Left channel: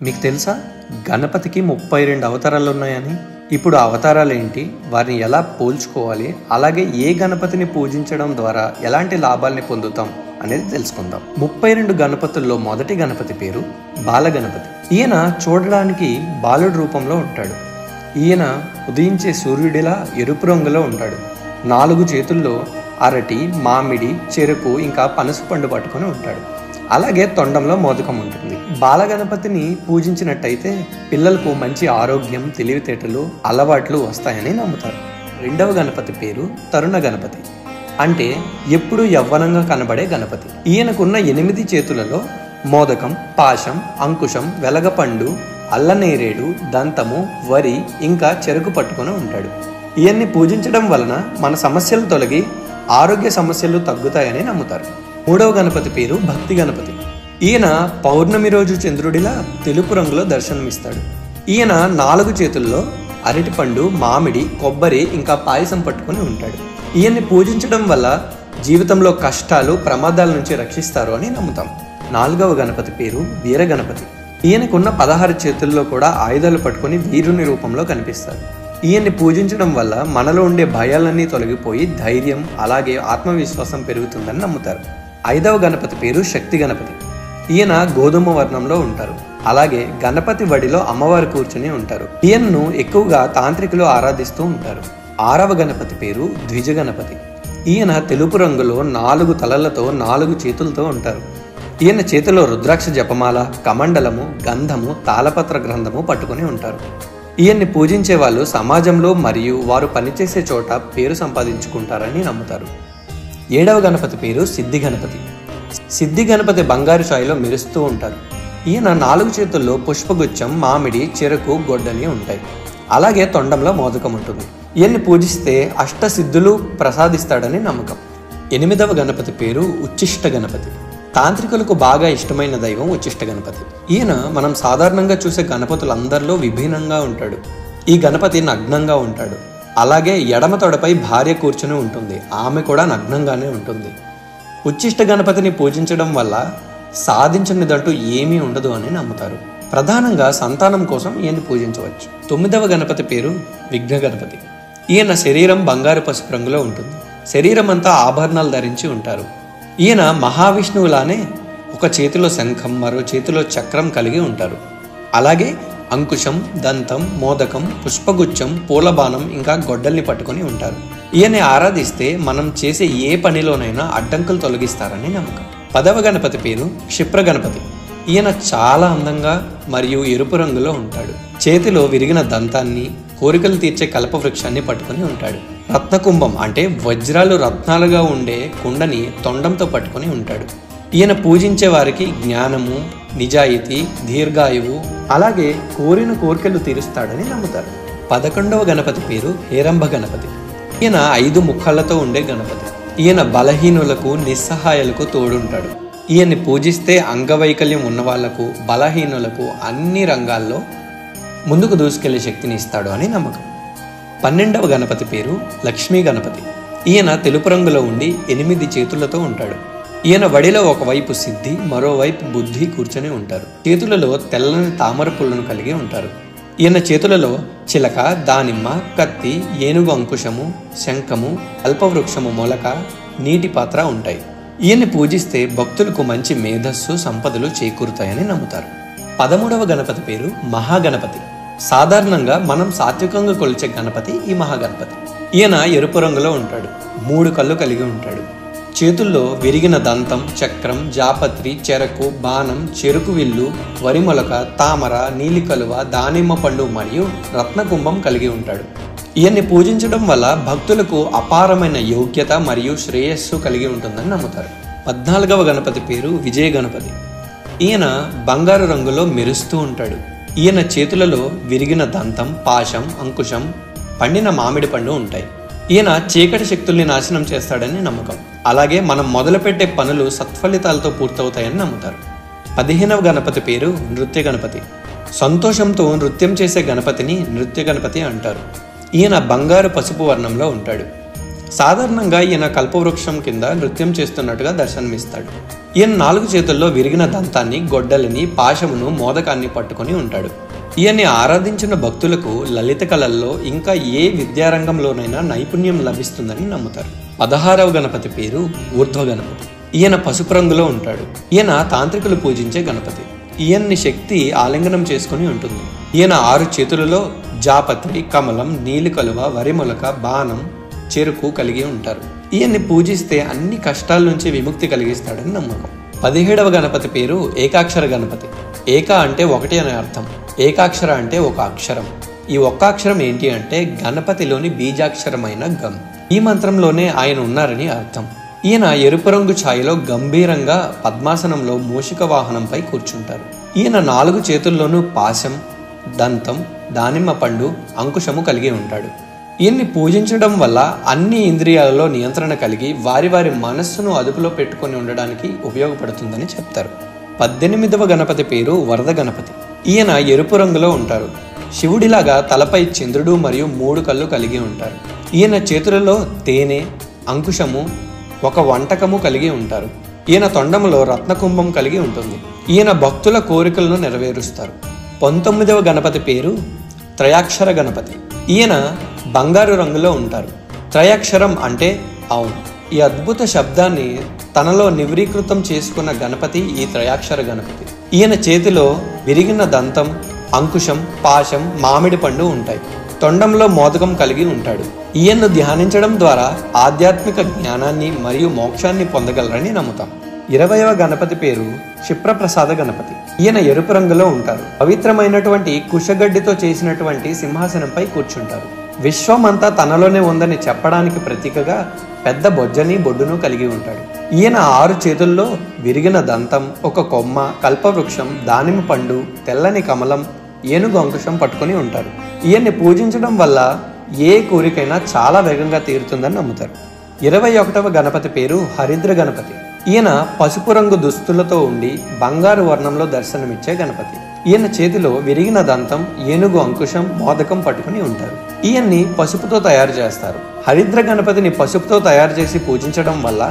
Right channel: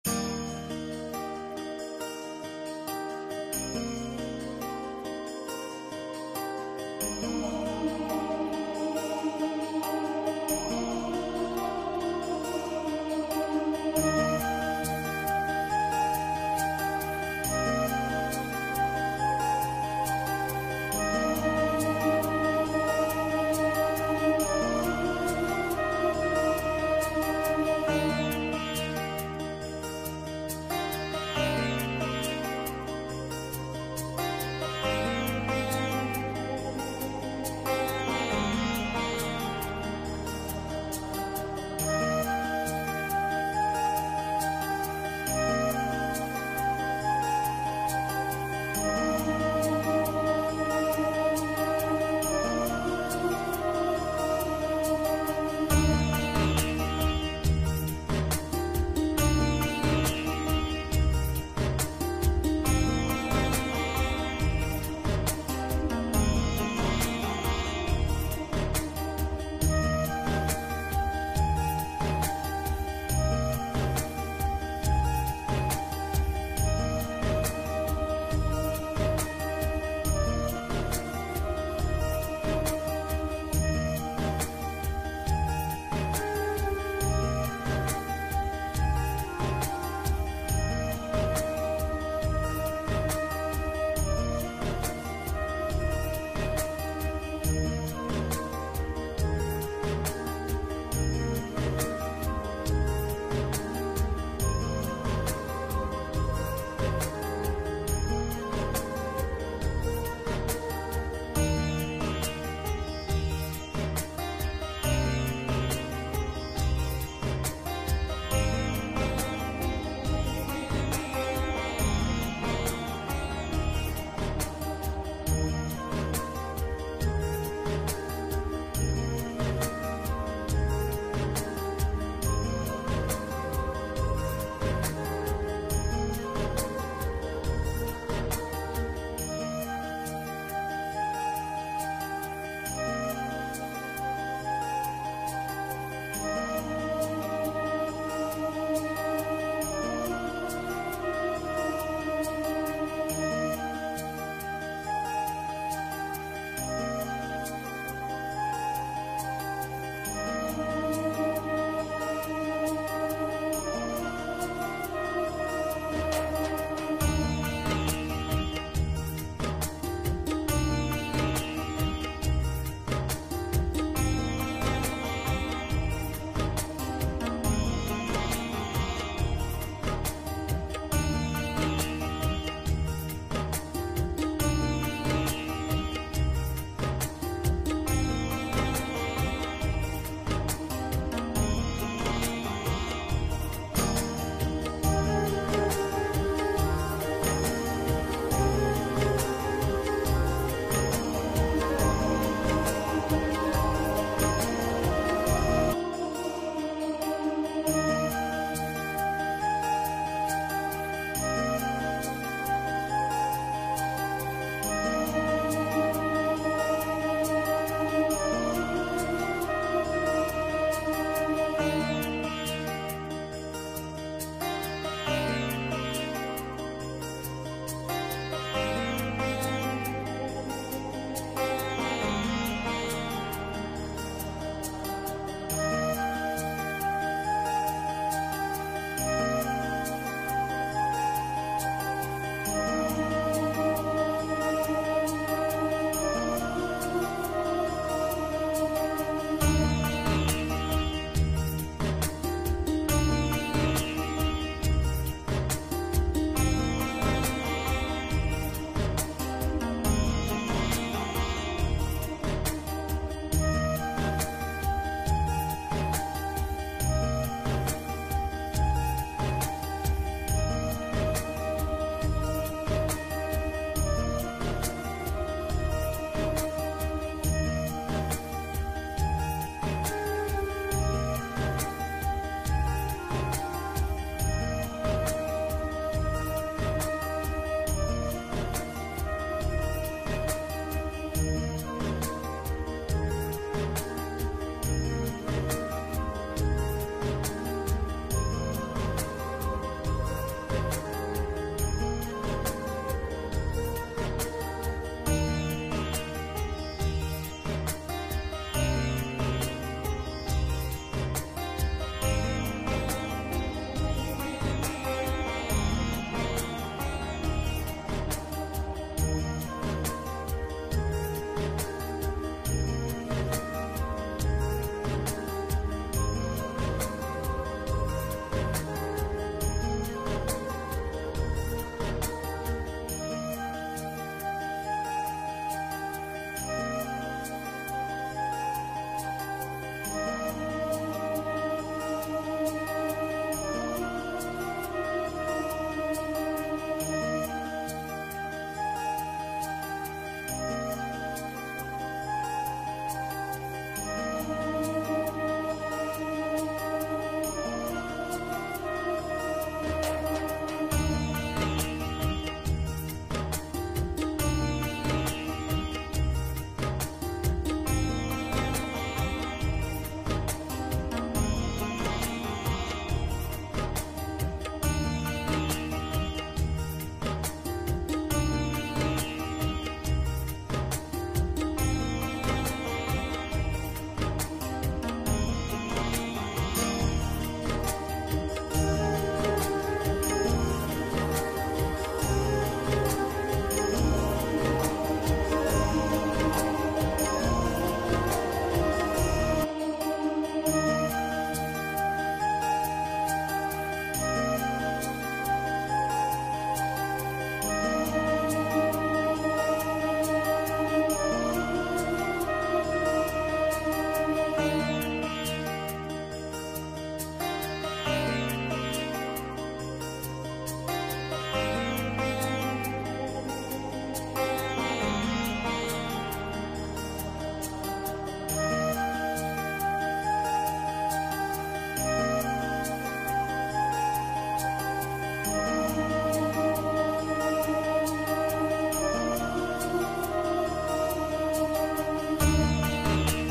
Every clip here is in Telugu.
మీకు తెలుసా గణపతికి 32 అవతారాలు ఉన్నాయని? ఇప్పుడు ఆ అవతారాలు ఏంటి, వారిని ఎలా పోల్చుకోవాలి, అలాగే ఏ గణపతిని పూజించడం ద్వారా ఎలాంటి లాభాల్ని పొందుతాం అనేది తెలుసుకుందాం. 32 గణపతుల్లో మొదటి గణపతి పేరు బాలగణపతి. ఈయన చూడడానికి బాలుడి రూపంలో ఉంటాడు. ఈయన ఉదయించే సూర్యుడిలా ఎరుపు రంగులో ఉంటాడు. 4 చేతుల్లో అరటి, మామిడి, చెరుకు ఇంకా పనస పండు పట్టుకొని ఉంటాడు. అలాగే తొండంలో మోదకం ఉంటుంది. బాలగణపతిని పూజించినట్టయితే పిల్లలకు మంచి ఆరోగ్యం, తెలివితేటలు, అలవాట్లు వస్తాయని నమ్ముతారు. రెండవ గణపతి పేరు తరుణ గణపతి, అంటే ఎప్పుడు యవ్వనంగా కనబడే గణపతి. ఈయనకున్న 8 చేతులలో మోదకం, పాశం, అంకుశం, వెలగపండు, అల్లనేరేడు, దంతము, వరి ఇంకా చెరుకు పట్టుకొని ఉంటాడు. ఈయన్ని పూజించడం వలన మన సమస్యలు తొలగి ఆరోగ్య సమస్యలు తగ్గుతాయని నమ్ముతారు. మూడవ గణపతి పేరు భక్తి గణపతి. ఈయన పౌర్ణమి రోజు చంద్రుడిలా తెలుపు రంగులో దర్శనమిస్తాడు. ఈయన 4 చేతుల్లో అరటిపండు, మామిడి, కొబ్బరి ఇంకా పాయసం పట్టుకొని ఉంటాడు. ఈయన్ని పూజించడం వల్ల జీవితంలో కష్టాలు, ప్రమాదాల నుంచి రక్షిస్తారు అని నమ్ముతాం. 4వ గణపతి పేరు వీర గణపతి. ఈయనకున్న 16 చేతుల్లో కూడా ఆయుధాలు పట్టుకొని వీరుని రూపంలో కనిపిస్తారు. ఈయన్ని పూజించడం వల్ల మనలో ఉండే భయాలన్నీ తొలగిపోయి ధైర్యం, అలాగే ఆత్మవిశ్వాసం పెరుగుతుందని నమ్ముతారు. 5వ గణపతి పేరు శక్తి గణపతి. ఈయన గోధుమ వర్ణంలో ఉంటారు. అలాగే గణపతి వడిలో అమ్మవారు కూర్చుని ఉంటారు. ఈయన్ను ఎక్కువగా తాంత్రికులు ఆరాధిస్తూ ఉంటారు. 6వ గణపతి పేరు ద్విజ గణపతి. ఈయన తెలుపు రంగులో 4 తలలతో 4 చేతులతో ఉంటారు. ఈయన చేతిలో రుద్రాక్ష జపమాల, కమండలము, గంధము, తాళపత్ర గ్రంథము పట్టుకొని ఉంటారు. ఈయన్ని పూజించే వాళ్ళు సమాజంలో మరియు వారు పనిచేసే చోట పేరు సంపాదించుకుంటారని నమ్ముతారు. 7వ గణపతి పేరు సిద్ధి గణపతి. సిద్ధి గణపతి బంగారు ఛాయలో మెరుస్తూ ఉంటారు. ఈయన 4 చేతుల్లో పుష్పగుచ్చం, మామిడి, చెరుకు, గొడ్డలి ఉంటాయి. అలాగే తొండంలో మోదకం ఉంటుంది. ఈయన్ని పూజిస్తే అష్టసిద్ధులు ప్రసాదిస్తాడని నమ్మకం. 8వ గణపతి పేరు ఉచ్చిష్ట గణపతి. తాంత్రికులకు బాగా ఇష్టమైన దైవం ఉచ్చిష్ట గణపతి. ఈయన మనం సాధారణంగా చూసే గణపతులందరిలో విభిన్నంగా ఉంటాడు. ఈ గణపతి నగ్నంగా ఉంటాడు. అలాగే ఎడమ తొడపై భార్య కూర్చుని ఉంటుంది. ఆమె కూడా నగ్నంగానే ఉంటుంది. ఉచ్చిష్ట గణపతిని పూజించడం వల్ల సాధించనిదంటూ ఏమీ ఉండదు అని నమ్ముతారు. ప్రధానంగా సంతానం కోసం ఈయన్ని పూజించవచ్చు. 9వ గణపతి పేరు విఘ్న గణపతి. ఈయన శరీరం బంగారు పసుపు రంగులో ఉంటుంది. శరీరం అంతా ఆభరణాలు ధరించి ఉంటారు. ఈయన మహావిష్ణువులానే ఒక చేతిలో శంఖం, మరో చేతిలో చక్రం కలిగి ఉంటారు. అలాగే అంకుశం, దంతం, మోదకం, పుష్పగుచ్చం, పూలబాణం ఇంకా గొడ్డల్ని పట్టుకొని ఉంటారు. ఈయన్ని ఆరాధిస్తే మనం చేసే ఏ పనిలోనైనా అడ్డంకులు తొలగిస్తారని నమ్మకం. 10వ గణపతి పేరు క్షిప్ర గణపతి. ఈయన చాలా అందంగా మరియు ఎరుపు రంగులో ఉంటాడు. చేతిలో విరిగిన దంతాన్ని, కోరికలు తీర్చే కల్పవృక్షాన్ని పట్టుకొని ఉంటాడు. రత్నకుంభం అంటే వజ్రాలు రత్నాలుగా ఉండే కుండని తొండంతో పట్టుకొని ఉంటాడు. ఈయన పూజించే వారికి జ్ఞానము, నిజాయితీ, దీర్ఘాయువు, అలాగే కోరిన కోరికలు తీరుస్తాడని నమ్ముతారు. 11వ గణపతి పేరు హేరంబ గణపతి. ఈయన 5 ముఖాలతో ఉండే గణపతి. ఈయన బలహీనులకు, నిస్సహాయాలకు తోడుంటాడు. ఈయన్ని పూజిస్తే అంగవైకల్యం ఉన్న వాళ్లకు, బలహీనులకు అన్ని రంగాల్లో ముందుకు దూసుకెళ్లే శక్తిని ఇస్తాడు అని నమ్మకం. 12వ గణపతి పేరు లక్ష్మీ గణపతి. ఈయన తెలుపు రంగులో ఉండి 8 చేతులతో ఉంటాడు. ఈయన వడిలో ఒకవైపు సిద్ధి, మరోవైపు బుద్ధి కూర్చొని ఉంటారు. చేతులలో తెల్లని తామర పుల్లను కలిగి ఉంటారు. ఈయన చేతులలో చిలక, దానిమ్మ, కత్తి, ఏనుగు అంకుశము, శంఖము, అల్పవృక్షము మొలక, నీటి పాత్ర ఉంటాయి. ఈయన్ని పూజిస్తే భక్తులకు మంచి మేధస్సు, సంపదలు చేకూరుతాయని నమ్ముతారు. 13వ గణపతి పేరు మహాగణపతి. సాధారణంగా మనం సాత్వికంగా కొలిచే గణపతి ఈ మహాగణపతి. ఈయన ఎరుపు రంగులో ఉంటాడు. 3 కళ్ళు కలిగి ఉంటాడు. చేతుల్లో విరిగిన దంతం, చక్రం, జాపత్రి, చెరకు, బాణం, చెరుకు విల్లు, వరి మొలక, తామర, నీలి కలువ, దానిమ్మ పండు మరియు రత్నకుంభం కలిగి ఉంటాడు. ఈయన్ని పూజించడం వల్ల భక్తులకు అపారమైన యోగ్యత మరియు శ్రేయస్సు కలిగి ఉంటుందని నమ్ముతారు. 14వ గణపతి పేరు విజయ గణపతి. ఈయన బంగారు రంగులో మెరుస్తూ ఉంటాడు. ఈయన చేతులలో విరిగిన దంతం, పాశం, అంకుశం, పండిన మామిడి పండు ఉంటాయి. ఈయన చీకటి శక్తుల్ని నాశనం చేస్తాడని నమ్మకం. అలాగే మనం మొదలుపెట్టే పనులు సత్ఫలితాలతో పూర్తవుతాయని నమ్ముతారు. 15వ గణపతి పేరు నృత్య గణపతి. సంతోషంతో నృత్యం చేసే గణపతిని నృత్య గణపతి అంటారు. ఈయన బంగారు పసుపు వర్ణంలో ఉంటాడు. సాధారణంగా ఈయన కల్పవృక్షం కింద నృత్యం చేస్తున్నట్టుగా దర్శనమిస్తాడు. ఈయన 4 చేతుల్లో విరిగిన దంతాన్ని, గొడ్డలిని, పాశమును, మోదకాన్ని పట్టుకొని ఉంటాడు. ఈయన్ని ఆరాధించిన భక్తులకు లలిత కళల్లో ఇంకా ఏ విద్యారంగంలోనైనా నైపుణ్యం లభిస్తుందని నమ్ముతారు. 16వ గణపతి పేరు ఊర్ధ్వ గణపతి. ఈయన పసుపు రంగులో ఉంటాడు. ఈయన తాంత్రికులు పూజించే గణపతి. ఈయన్ని శక్తి ఆలింగనం చేసుకుని ఉంటుంది. ఈయన 6 చేతులలో జాపత్రి, కమలం, నీలి కలువ, వరిమొలక, బాణం, చెరుకు కలిగి ఉంటారు. ఈయన్ని పూజిస్తే అన్ని కష్టాల నుంచి విముక్తి కలిగిస్తాడని నమ్మకం. 17వ గణపతి పేరు ఏకాక్షర గణపతి. ఏక అంటే 1 అనే అర్థం. ఏకాక్షర అంటే ఒక అక్షరం. ఈ ఒక్క అక్షరం ఏంటి అంటే గణపతిలోని బీజాక్షరమైన గం. ఈ మంత్రంలోనే ఆయన ఉన్నారని అర్థం. ఈయన ఎరుపు రంగు ఛాయలో గంభీరంగా పద్మాసనంలో మూషిక వాహనంపై కూర్చుంటారు. ఈయన 4 చేతుల్లోనూ పాశం, దంతం, దానిమ్మ పండు, అంకుశము కలిగి ఉంటాడు. ఈయన్ని పూజించడం వల్ల అన్ని ఇంద్రియాలలో నియంత్రణ కలిగి వారి వారి మనస్సును అదుపులో పెట్టుకొని ఉండడానికి ఉపయోగపడుతుందని చెప్తారు. 18వ గణపతి పేరు వరద గణపతి. ఈయన ఎరుపు రంగులో ఉంటారు. శివుడిలాగా తలపై చంద్రుడు మరియు 3 కళ్ళు కలిగి ఉంటారు. ఈయన చేతులలో తేనె, అంకుశము, ఒక వంటకము కలిగి ఉంటారు. ఈయన తొండములో రత్నకుంభం కలిగి ఉంటుంది. ఈయన భక్తుల కోరికలను నెరవేరుస్తారు. 19వ గణపతి పేరు త్రయాక్షర గణపతి. ఈయన బంగారు రంగులో ఉంటారు. త్రయాక్షరం అంటే అవును. ఈ అద్భుత శబ్దాన్ని తనలో నివరీకృతం చేసుకున్న గణపతి ఈ త్రయాక్షర గణపతి. ఈయన చేతిలో విరిగిన దంతం, అంకుశం, పాశం, మామిడి పండు ఉంటాయి. తొండంలో మోదకం కలిగి ఉంటాడు. ఈయన్ను ధ్యానించడం ద్వారా ఆధ్యాత్మిక జ్ఞానాన్ని మరియు మోక్షాన్ని పొందగలరని నమ్ముతాం. 20వ గణపతి పేరు క్షిప్రప్రసాద గణపతి. ఈయన ఎరుపు రంగులో ఉంటారు. పవిత్రమైనటువంటి కుశగడ్డితో చేసినటువంటి సింహాసనంపై కూర్చుంటారు. విశ్వమంతా తనలోనే ఉందని చెప్పడానికి ప్రతీకగా పెద్ద బొజ్జని, బొడ్డును కలిగి ఉంటాడు. ఈయన 6 చేతుల్లో విరిగిన దంతం, ఒక కొమ్మ, కల్పవృక్షం, దానిమ్మ పండు, తెల్లని కమలం, ఏనుగు అంకుశం పట్టుకొని ఉంటారు. ఈయన్ని పూజించడం వల్ల ఏ కోరికైనా చాలా వేగంగా తీరుతుందని నమ్ముతారు. 21వ గణపతి పేరు హరిద్ర గణపతి. ఈయన పసుపు రంగు దుస్తులతో ఉండి బంగారు వర్ణంలో దర్శనమిచ్చే గణపతి. ఈయన చేతిలో విరిగిన దంతం, ఏనుగు అంకుశం, మోదకం పట్టుకుని ఉంటారు. ఈయన్ని పసుపుతో తయారు చేస్తారు. హరిద్ర గణపతిని పసుపుతో తయారు చేసి పూజించడం వల్ల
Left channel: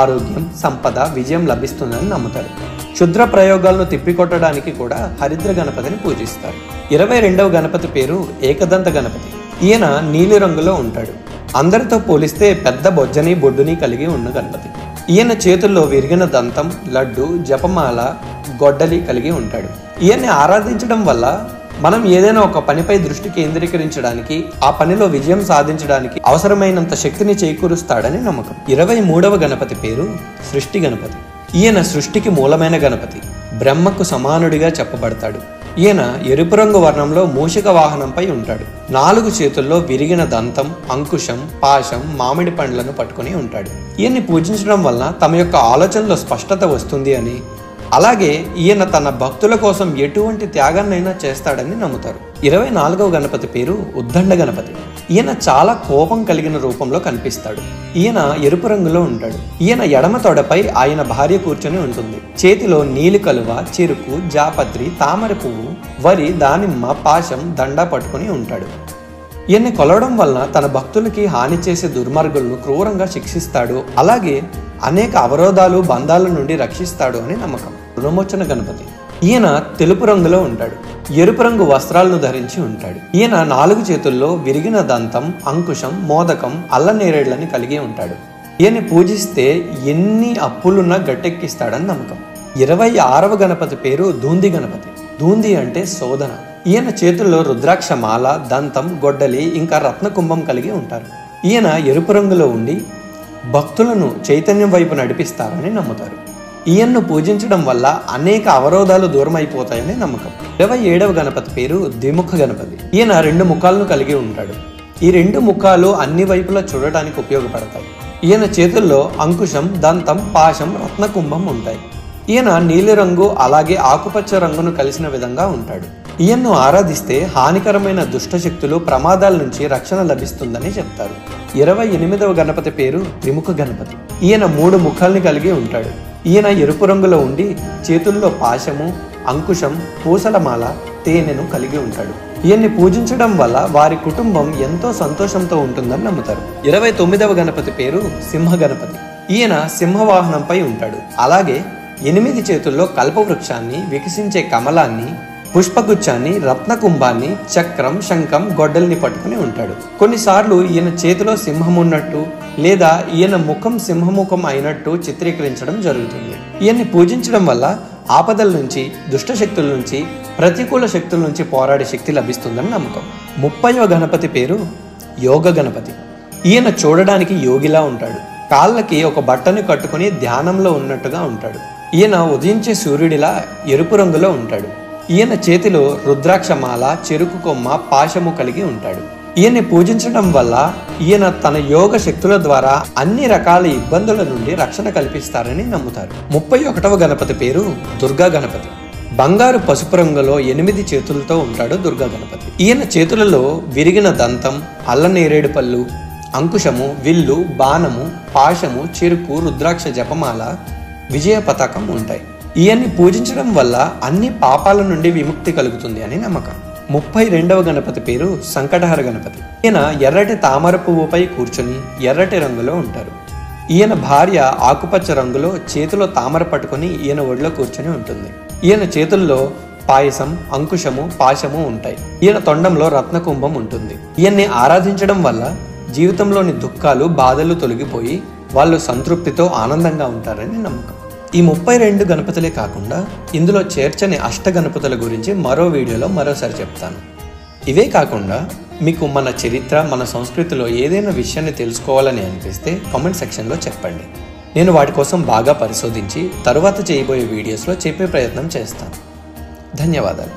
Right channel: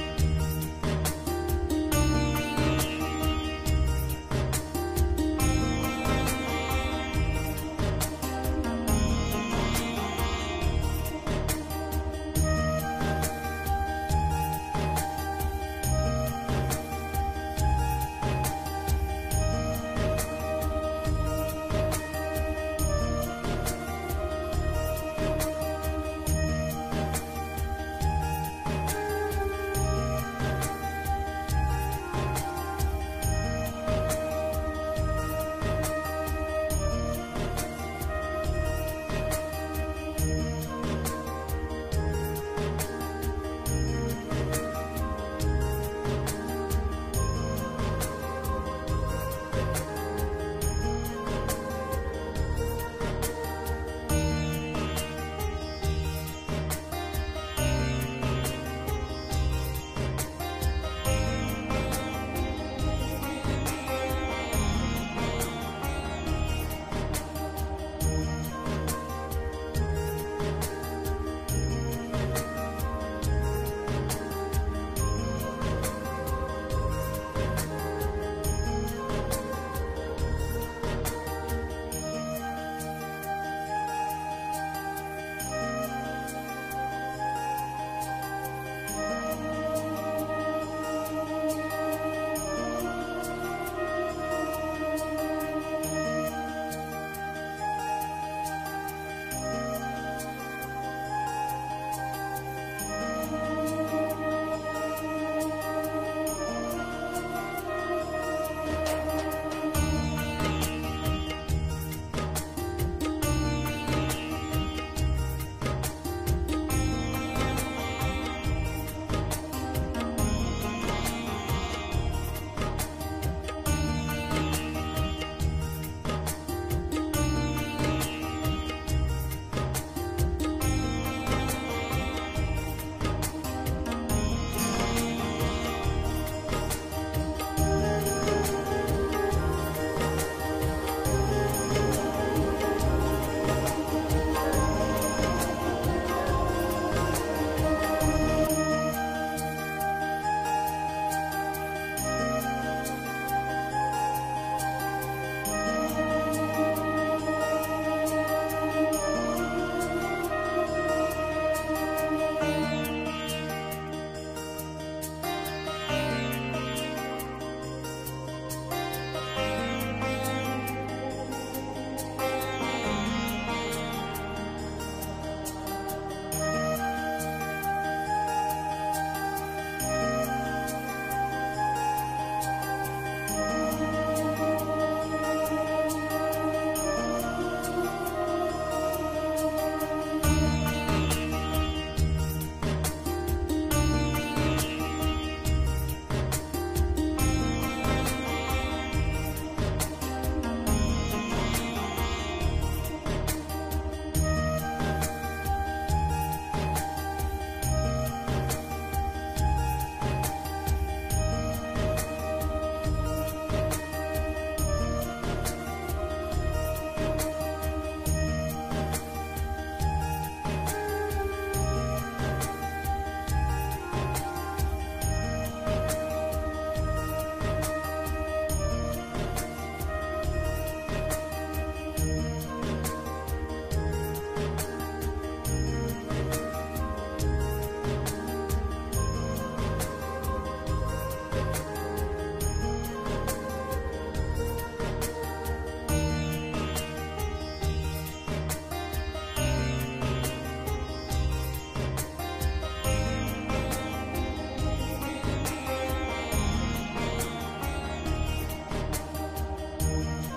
ఆరోగ్యం, సంపద, విజయం లభిస్తుందని నమ్ముతారు. క్షుద్ర ప్రయోగాలను తిప్పికొట్టడానికి కూడా హరిద్ర గణపతిని పూజిస్తారు. 22వ గణపతి పేరు ఏకదంత గణపతి. ఈయన నీలి రంగులో ఉంటాడు. అందరితో పోలిస్తే పెద్ద బొజ్జని, బొడ్డుని కలిగి ఉన్న గణపతి. ఈయన చేతుల్లో విరిగిన దంతం, లడ్డు, జపమాల, గొడ్డలి కలిగి ఉంటాడు. ఈయన్ని ఆరాధించడం వల్ల మనం ఏదైనా ఒక పనిపై దృష్టి కేంద్రీకరించడానికి, ఆ పనిలో విజయం సాధించడానికి అవసరమైనంత శక్తిని చేకూరుస్తాడని నమ్మకం. 23వ గణపతి పేరు సృష్టి గణపతి. ఈయన సృష్టికి మూలమైన గణపతి. బ్రహ్మకు సమానుడిగా చెప్పబడతాడు. ఈయన ఎరుపు రంగు వర్ణంలో మూషిక వాహనంపై ఉంటాడు. 4 చేతుల్లో విరిగిన దంతం, అంకుశం, పాశం, మామిడి పండ్లను పట్టుకుని ఉంటాడు. ఈయన్ని పూజించడం వలన తమ యొక్క ఆలోచనలో స్పష్టత వస్తుంది అని, అలాగే ఈయన తన భక్తుల కోసం ఎటువంటి త్యాగాన్నైనా చేస్తాడని నమ్ముతారు. 24వ గణపతి పేరు ఉద్దండ గణపతి. ఈయన చాలా కోపం కలిగిన రూపంలో కనిపిస్తాడు. ఈయన ఎరుపు రంగులో ఉంటాడు. ఈయన ఎడమ తొడపై ఆయన భార్య కూర్చొని ఉంటుంది. చేతిలో నీలి కలువ, చెరుకు, జాపత్రి, తామర పువ్వు, వరి, దానిమ్మ, పాశం, దండ పట్టుకుని ఉంటాడు. ఈయన్ని కొలవడం వలన తన భక్తులకి హాని చేసే దుర్మార్గులను క్రూరంగా శిక్షిస్తాడు. అలాగే అనేక అవరోధాలు, బంధాల నుండి రక్షిస్తాడు అని నమ్మకం. రుణమోచన గణపతి. ఈయన తెలుపు రంగులో ఉంటాడు. ఎరుపు రంగు వస్త్రాలను ధరించి ఉంటాడు. ఈయన 4 చేతుల్లో విరిగిన దంతం, అంకుశం, మోదకం, అల్లనేరేళ్లని కలిగి ఉంటాడు. ఈయన్ని పూజిస్తే ఎన్ని అప్పులున్నా గట్టెక్కిస్తాడని నమ్మకం. 26వ గణపతి పేరు ధూంది గణపతి. ధూంది అంటే శోధన. ఈయన చేతుల్లో రుద్రాక్ష మాల, దంతం, గొడ్డలి, ఇంకా రత్నకుంభం కలిగి ఉంటారు. ఈయన ఎరుపు రంగులో ఉండి భక్తులను చైతన్యం వైపు నడిపిస్తారని నమ్ముతారు. ఈయన్ను పూజించడం వల్ల అనేక అవరోధాలు దూరం అయిపోతాయని నమ్మకం. 27వ గణపతి పేరు ద్విముఖ గణపతి. ఈయన 2 ముఖాలను కలిగి ఉంటాడు. ఈ 2 ముఖాలు అన్ని వైపులా చూడటానికి ఉపయోగపడతాయి. ఈయన చేతుల్లో అంకుశం, దంతం, పాశం, రత్నకుంభం ఉంటాయి. ఈయన నీలిరంగు అలాగే ఆకుపచ్చ రంగును కలిసిన విధంగా ఉంటాడు. ఈయన్ను ఆరాధిస్తే హానికరమైన దుష్టశక్తులు, ప్రమాదాల నుంచి రక్షణ లభిస్తుందని చెప్తారు. 28వ గణపతి పేరు త్రిముఖ గణపతి. ఈయన 3 ముఖాల్ని కలిగి ఉంటాడు. ఈయన ఎరుపు రంగులో ఉండి చేతుల్లో పాశము, అంకుశం, పూసలమాల, తేనెను కలిగి ఉంటాడు. ఈయన్ని పూజించడం వల్ల వారి కుటుంబం ఎంతో సంతోషంతో ఉంటుందని నమ్ముతారు. 29వ గణపతి పేరు సింహ గణపతి. ఈయన సింహవాహనంపై ఉంటాడు. అలాగే 8 చేతుల్లో కల్పవృక్షాన్ని, వికసించే కమలాన్ని, పుష్పగుచ్చాన్ని, రత్నకుంభాన్ని, చక్రం, శంఖం, గొడ్డల్ని పట్టుకుని ఉంటాడు. కొన్నిసార్లు ఈయన చేతిలో సింహం ఉన్నట్టు లేదా ఈయన ముఖం సింహముఖం అయినట్టు చిత్రీకరించడం జరుగుతుంది. ఈయన్ని పూజించడం వల్ల ఆపదల నుంచి, దుష్ట శక్తుల నుంచి, ప్రతికూల శక్తుల నుంచి పోరాడే శక్తి లభిస్తుందని నమ్మకం. 30వ గణపతి పేరు యోగ గణపతి. ఈయన చూడడానికి యోగిలా ఉంటాడు. కాళ్ళకి ఒక బట్టని కట్టుకుని ధ్యానంలో ఉన్నట్టుగా ఉంటాడు. ఈయన ఉదయించే సూర్యుడిలా ఎరుపు రంగులో ఉంటాడు. ఈయన చేతిలో రుద్రాక్షమాల, చెరుకు కొమ్మ, పాశము కలిగి ఉంటాడు. ఈయన్ని పూజించడం వల్ల ఈయన తన యోగ శక్తుల ద్వారా అన్ని రకాల ఇబ్బందుల నుండి రక్షణ కల్పిస్తారని నమ్ముతారు. 31వ గణపతి పేరు దుర్గా గణపతి. బంగారు పసుపు రంగులో 8 చేతులతో ఉంటాడు దుర్గా గణపతి. ఈయన చేతులలో విరిగిన దంతం, అల్లనేరేడు పళ్ళు, అంకుశము, విల్లు, బాణము, పాశము, చెరుకు, రుద్రాక్ష జపమాల, విజయ పతాకం ఉంటాయి. ఈయన్ని పూజించడం వల్ల అన్ని పాపాల నుండి విముక్తి కలుగుతుంది అని నమ్మకం. 32వ గణపతి పేరు సంకటహర గణపతి. ఈయన ఎర్రటి తామర పువ్వుపై కూర్చొని ఎర్రటి రంగులో ఉంటారు. ఈయన భార్య ఆకుపచ్చ రంగులో చేతిలో తామర పట్టుకుని ఈయన ఒడిలో కూర్చొని ఉంటుంది. ఈయన చేతుల్లో పాయసం, అంకుశము, పాశము ఉంటాయి. ఈయన తొండంలో రత్నకుంభం ఉంటుంది. ఈయన్ని ఆరాధించడం వల్ల జీవితంలోని దుఃఖాలు, బాధలు తొలగిపోయి వాళ్ళు సంతృప్తితో ఆనందంగా ఉంటారని నమ్మకం. ఈ 32 గణపతులే కాకుండా ఇందులో చేర్చని అష్ట గణపతుల గురించి మరో వీడియోలో మరోసారి చెప్తాను. ఇవే కాకుండా మీకు మన చరిత్ర, మన సంస్కృతిలో ఏదైనా విషయాన్ని తెలుసుకోవాలని అనిపిస్తే కామెంట్ సెక్షన్లో చెప్పండి. నేను వాటి కోసం బాగా పరిశోధించి తరువాత చేయబోయే వీడియోస్లో చెప్పే ప్రయత్నం చేస్తాను. ధన్యవాదాలు.